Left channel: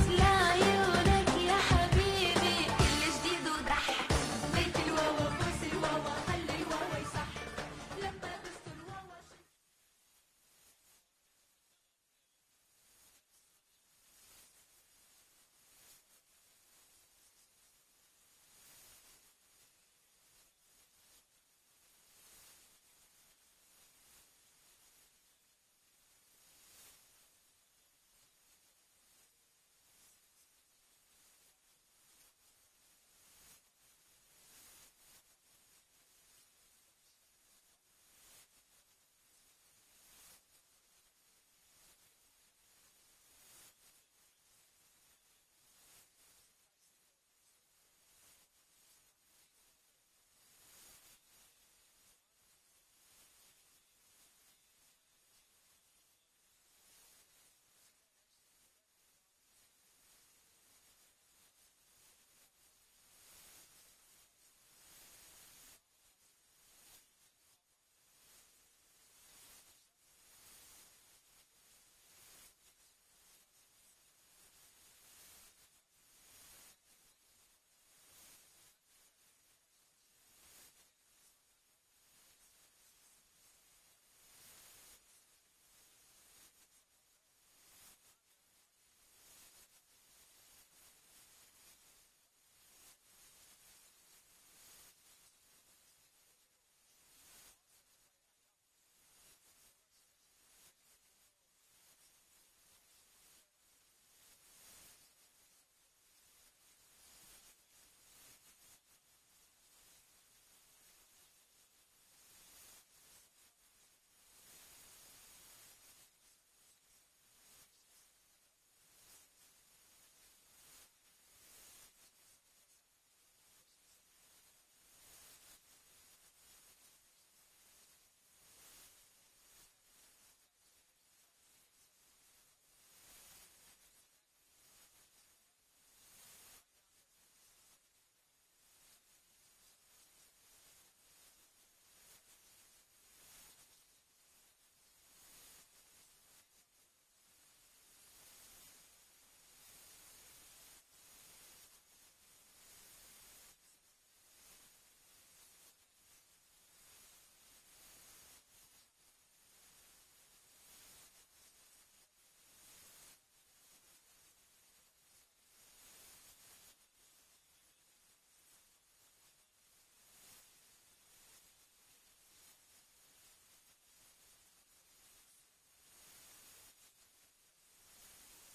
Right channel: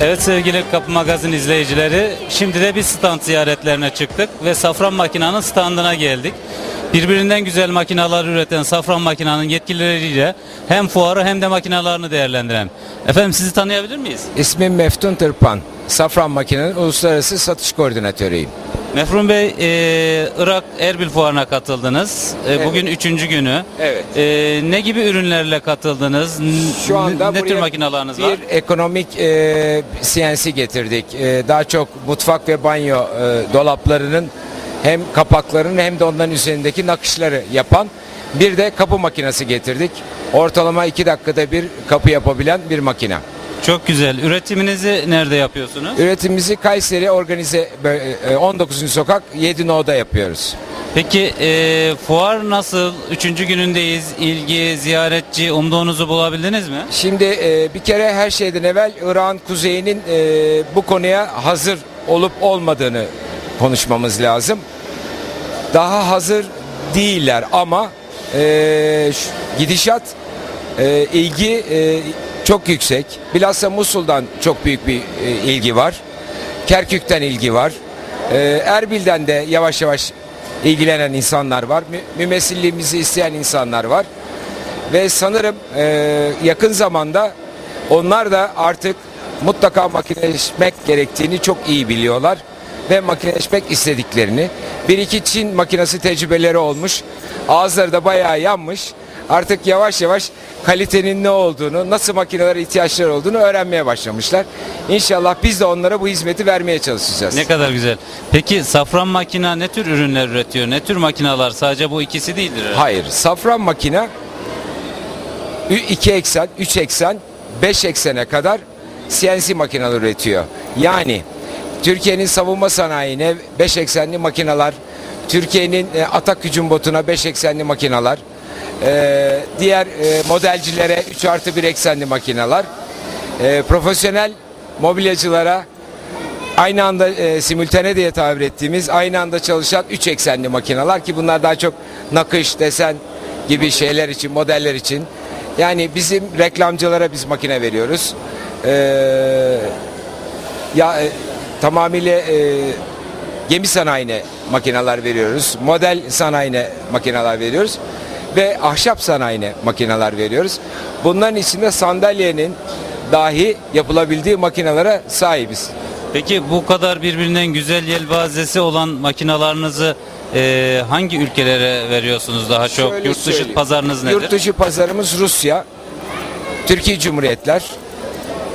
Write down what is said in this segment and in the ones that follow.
Evet sevgili Kapı Magazin izleyicileri, şimdi de bir stand ziyaretlerine çıktık ve Safran Makina'nın standına geldik. Birbirinden güzel makinalar üreten Safran Makina'nın yetkilileriyle hem fuarı hem de makinalarını değerlendiren. Efendim sizi tanıyabilir miyiz? İsmim Meftun Tırpan. Safran Makine'nin uluslararası satış koordinatörüyüm. Mefrun Bey, e, Irak Erbil Fuarı'na katıldınız. E, Evet. Bugün üçüncü günü. Evet. E, ne gibi ürünlerle katıldınız? Şu anda ne tür makinalarınız bir var? ekonomik e, CNC getirdik. E, daha çok mutfak ve banyo e, dolaplarının hem kapaklarının hem de onların üzerindeki nakışları yapan bir de kapı makinesi getirdik. Ortalama 2 dakikada bir kapı yapabilen bir makine. Çok güzel. Üretiminizi nerede yapıyorsunuz? Üretimimizi Kayseri Organize bö- e, 19. sokak 7 No'da yapıyoruz. Peki e, fuar nasıl? Üçüncü günündeyiz. İlgi, ziyaretçi, umduğunuzu bulabildiniz mi? Şimdi e, bir kere her şeyden evvel İran kuzeyinin e, bu konuya hazır olup olmadığını konuşmamız lazım. Daha hazır değiller ama e, şu- gidişat e, ilgi e, çok yüksek. Bilhassa Musul'dan çok büyük bir e, ilgi var. Kerkük'ten ilgi var. E, Erbil'den de yavaş yavaş ilgilenen insanlar var. Mü- Mümessilliğimizi isteyen insanlar var. Ve sanırım e, yakın zamanda onlar da artık mutlaka makineleşmek gerektiğini çok iyi biliyorlar ve makineleşmek istediklerini. Bir iki Çin makinesi tecrübeleri olmuş. Ağızları da bayağı yanmış. Artık yavaş yavaş kalitenin ne olduğunu, nasıl makinelere ihtiyaçları olduğunu öğrenmeye başlamışlar. İnşallah biz de onlara bu hizmeti vermeye çalışacağız. Ne kadar güzel. Peki Safran Makina ne tür ürünler üretiyor? Ne tür makinalar? Sadece bu ikisi değildir. herhalde. Hayır. Safran makine 2 eksen, 3 eksen, 5 eksene kadar CNC makineler üretiyor. Yani Türkiye'nin savunma sanayine 5 eksenli makineler, Türkiye'nin e, atak hücum botuna 5 eksenli makineler, e, diğer e, modelcilere 3 artı 1 eksenli makineler, e, profesyonel mobilyacılara aynı anda e, simültane diye tabir ettiğimiz aynı anda çalışan 3 eksenli makineler ki bunlar daha çok nakış, desen gibi şeyler için, modeller için. Yani bizim reklamcılara biz makine veriyoruz. Ee, ya e, tamamıyla e, gemi sanayine makineler veriyoruz. Model sanayine makineler veriyoruz. Ve ahşap sanayine makineler veriyoruz. Bunların içinde sandalyenin dahi yapılabildiği makinelere sahibiz. Peki bu kadar birbirinden güzel yelpazesi olan makinalarınızı e, hangi ülkelere veriyorsunuz daha çok? Şöyle Yurt dışı söyleyeyim. pazarınız nedir? Yurt dışı pazarımız Rusya, Türkiye Cumhuriyetler,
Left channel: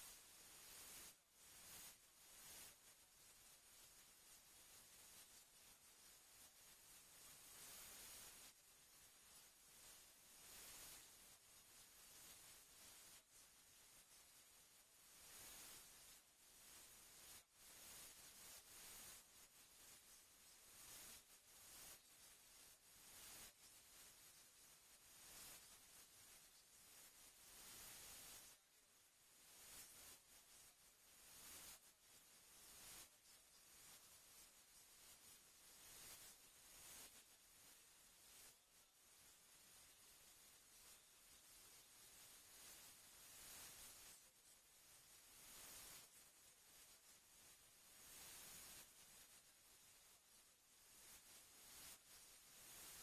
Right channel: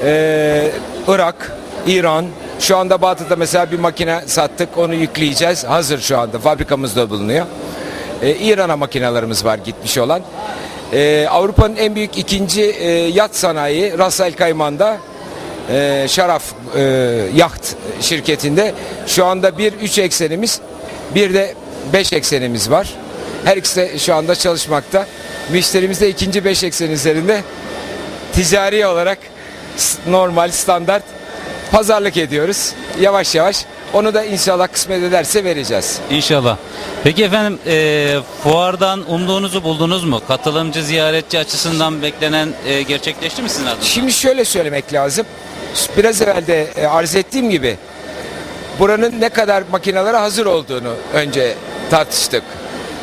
eee, Irak, İran. Şu anda Batı'da mesela bir makine sattık, onu yükleyeceğiz. Hazır şu anda, fabrikamızda bulunuyor. Eee, İran'a makinelerimiz var gitmiş olan. Eee, Avrupa'nın en büyük ikinci eee, yat sanayi Ras Kayman'da eee, Şaraf eee, Yacht şirketinde şu anda bir üç eksenimiz bir de beş eksenimiz var. Her ikisi de şu anda çalışmakta. Müşterimiz de ikinci beş eksen üzerinde ticari olarak normal standart pazarlık ediyoruz. Yavaş yavaş onu da inşallah kısmet ederse vereceğiz. İnşallah. Peki efendim e, fuardan umduğunuzu buldunuz mu? Katılımcı, ziyaretçi açısından beklenen e, gerçekleşti mi sizin adınıza? Şimdi şöyle söylemek lazım. Biraz evvel de e, arz ettiğim gibi buranın ne kadar makinelere hazır olduğunu önce tartıştık.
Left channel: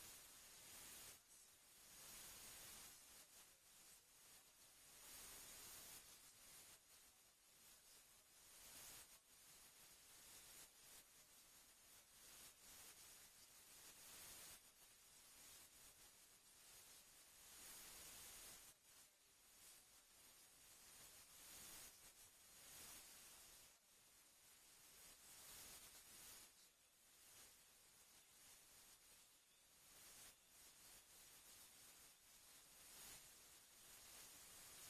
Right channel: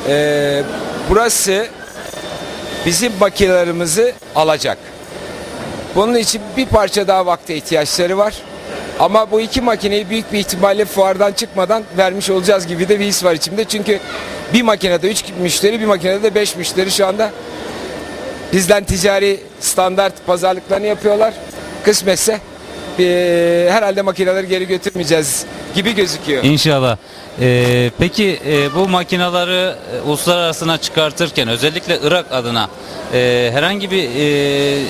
Ee, burası bizim makinelerimizi alacak. Bunun için bir parça daha vakte ihtiyaçları var. Ama bu iki makineyi büyük bir ihtimalle fuardan çıkmadan vermiş olacağız gibi de bir his var içimde. Çünkü bir makinede üç müşteri, bir makinede de beş müşteri şu anda bizden ticari standart pazarlıklarını yapıyorlar. Kısmetse e, herhalde makineleri geri götürmeyeceğiz gibi gözüküyor. İnşallah. Ee, peki e, bu makinaları e, uluslararasına çıkartırken özellikle Irak adına e, herhangi bir e,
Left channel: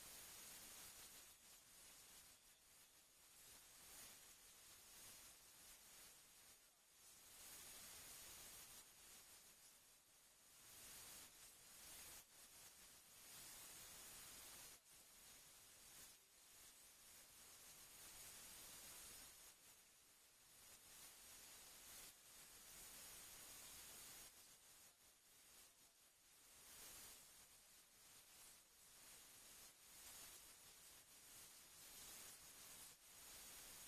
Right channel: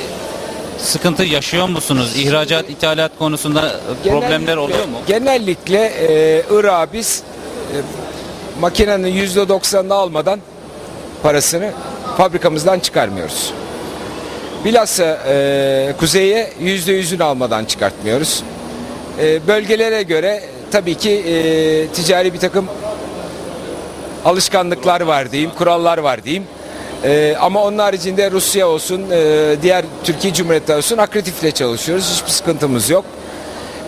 sıkıntı yaşıyor musunuz? İhracat, ithalat konusunda e, problemler oluyor mu? Genellikle e, Irak'a biz e, makinenin yüzde doksanını almadan parasını fabrikamızdan çıkarmıyoruz. Bilhassa e, kuzeye yüzde yüzünü almadan çıkartmıyoruz. E, bölgelere göre tabii ki e, ticari bir takım alışkanlıklar var diyeyim, kurallar var diyeyim. E, ama onun haricinde Rusya olsun, e, diğer Türkiye Cumhuriyeti olsun akretifle çalışıyoruz. Hiçbir sıkıntımız yok.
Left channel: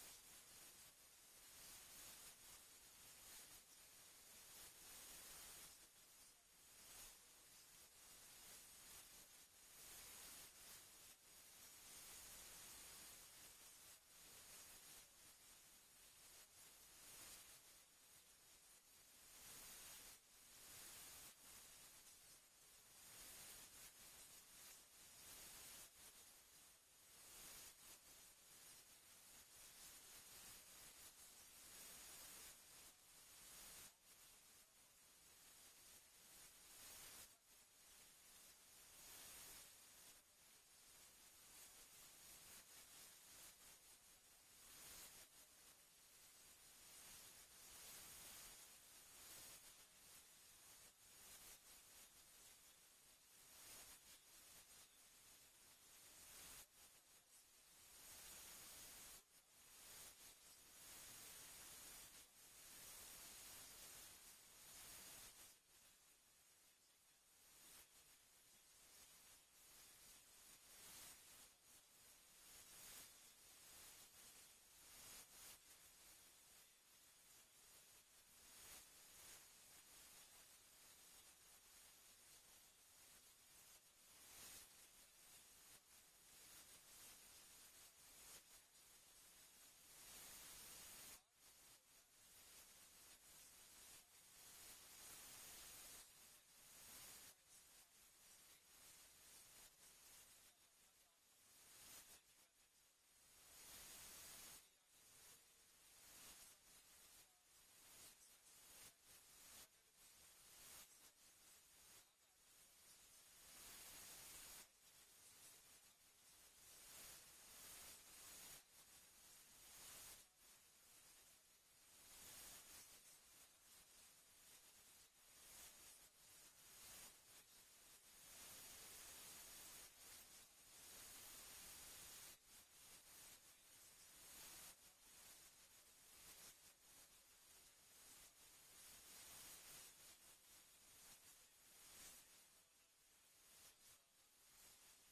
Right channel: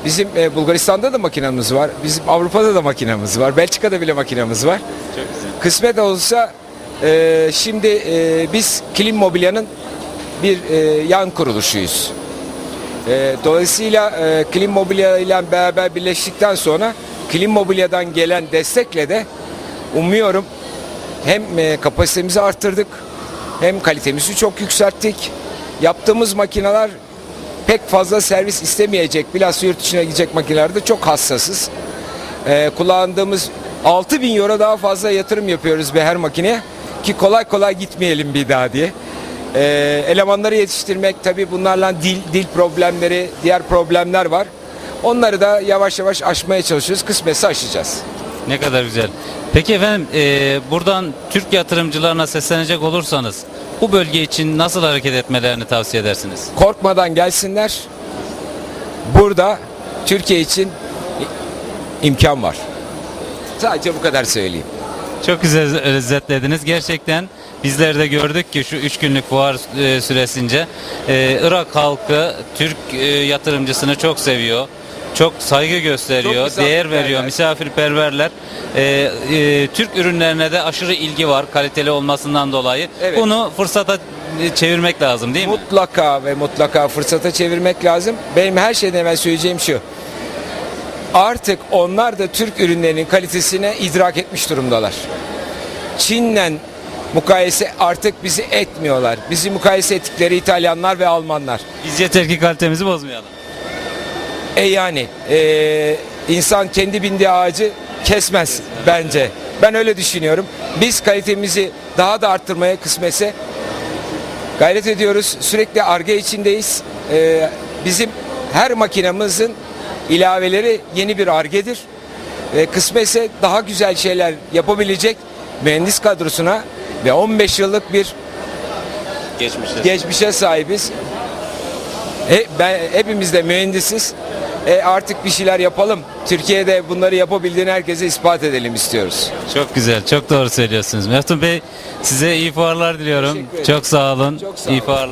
Bizim e, Bulgaristan'da da makinamız var. Bizim Avrupa'da da makinamız var. Belçika'da bile makinamız var. Kısmet olsa e, şimdi e, biz Kilim Mobilya'nın bir e, yan kuruluşuyuz. E, dolayısıyla e, Klim Mobilya ile beraber birleştikten sonra Klim Mobilya'dan gelen destekle de umuyorum hem e, kapasitemizi arttırdık hem kalitemizi çok yükselttik. Yaptığımız makineler pek fazla servis istemeyecek, bilhassa yurt dışına gidecek makinelerde çok hassasız. Ee, kullandığımız 6000 euro daha fazla yatırım yapıyoruz bir her makineye ki kolay kolay gitmeyelim bir daha diye. Ee, elemanları yetiştirmek tabii bunlarla dil, dil problemleri, diğer problemler var. Onları da yavaş yavaş aşmaya çalışıyoruz. Kısmetse aşacağız. Ne kadar güzel. Peki efendim e, buradan Türk yatırımcılarına seslenecek olursanız bu bölge için nasıl hareket etmelerini tavsiye edersiniz? Korkmadan gelsinler. Burada Türkiye için imkan var. Sadece bu kadar söyleyeyim. Çok güzel özetlediniz. Gerçekten bizler de gördük ki şu üç günlük fuar e, süresince e, Irak halkı Türk e, yatırımcısını çok seviyor. Çok saygı gösteriyor, Çok değer veriyor, misafirperverler. E, e, Türk ürünlerine de aşırı ilgi var kaliteli olmasından dolayı. Evet. Bunu fırsata çevirmek lazım değil mi? Mutlaka ve mutlaka fırsata çevirmek lazım. Benim her şeyden evvel söyleyeceğim şu. Artık onlar da Türk ürünlerinin kalitesine idrak etmiş durumdalar. Çin'le mukayese artık bizi etmiyorlar. Bizi mukayese ettikleri İtalyanlar ve Almanlar. Biz yeter ki kalitemizi bozmayalım. E yani e, insan kendi bindiği ağacı kesmez bence. Ben öyle düşünüyorum. Biz kalitemizi daha da arttırmaya kısmetse gayret ediyoruz. Sürekli arge içindeyiz. E, bizim her makinamızın ilaveleri yeni bir argedir. E, kısmetse daha güzel şeyler yapabilecek mühendis kadrosuna ve 15 yıllık bir Geçmişte. geçmişe sahibiz. E, ben hepimiz de mühendisiz. E, artık bir şeyler yapalım. Türkiye'de bunları yapabildiğini herkese ispat edelim istiyoruz. Çok güzel, çok doğru söylüyorsunuz. Meftun Bey size iyi fuarlar diliyorum. Çok sağ olun. Çok sağ iyi olun. fuarlar.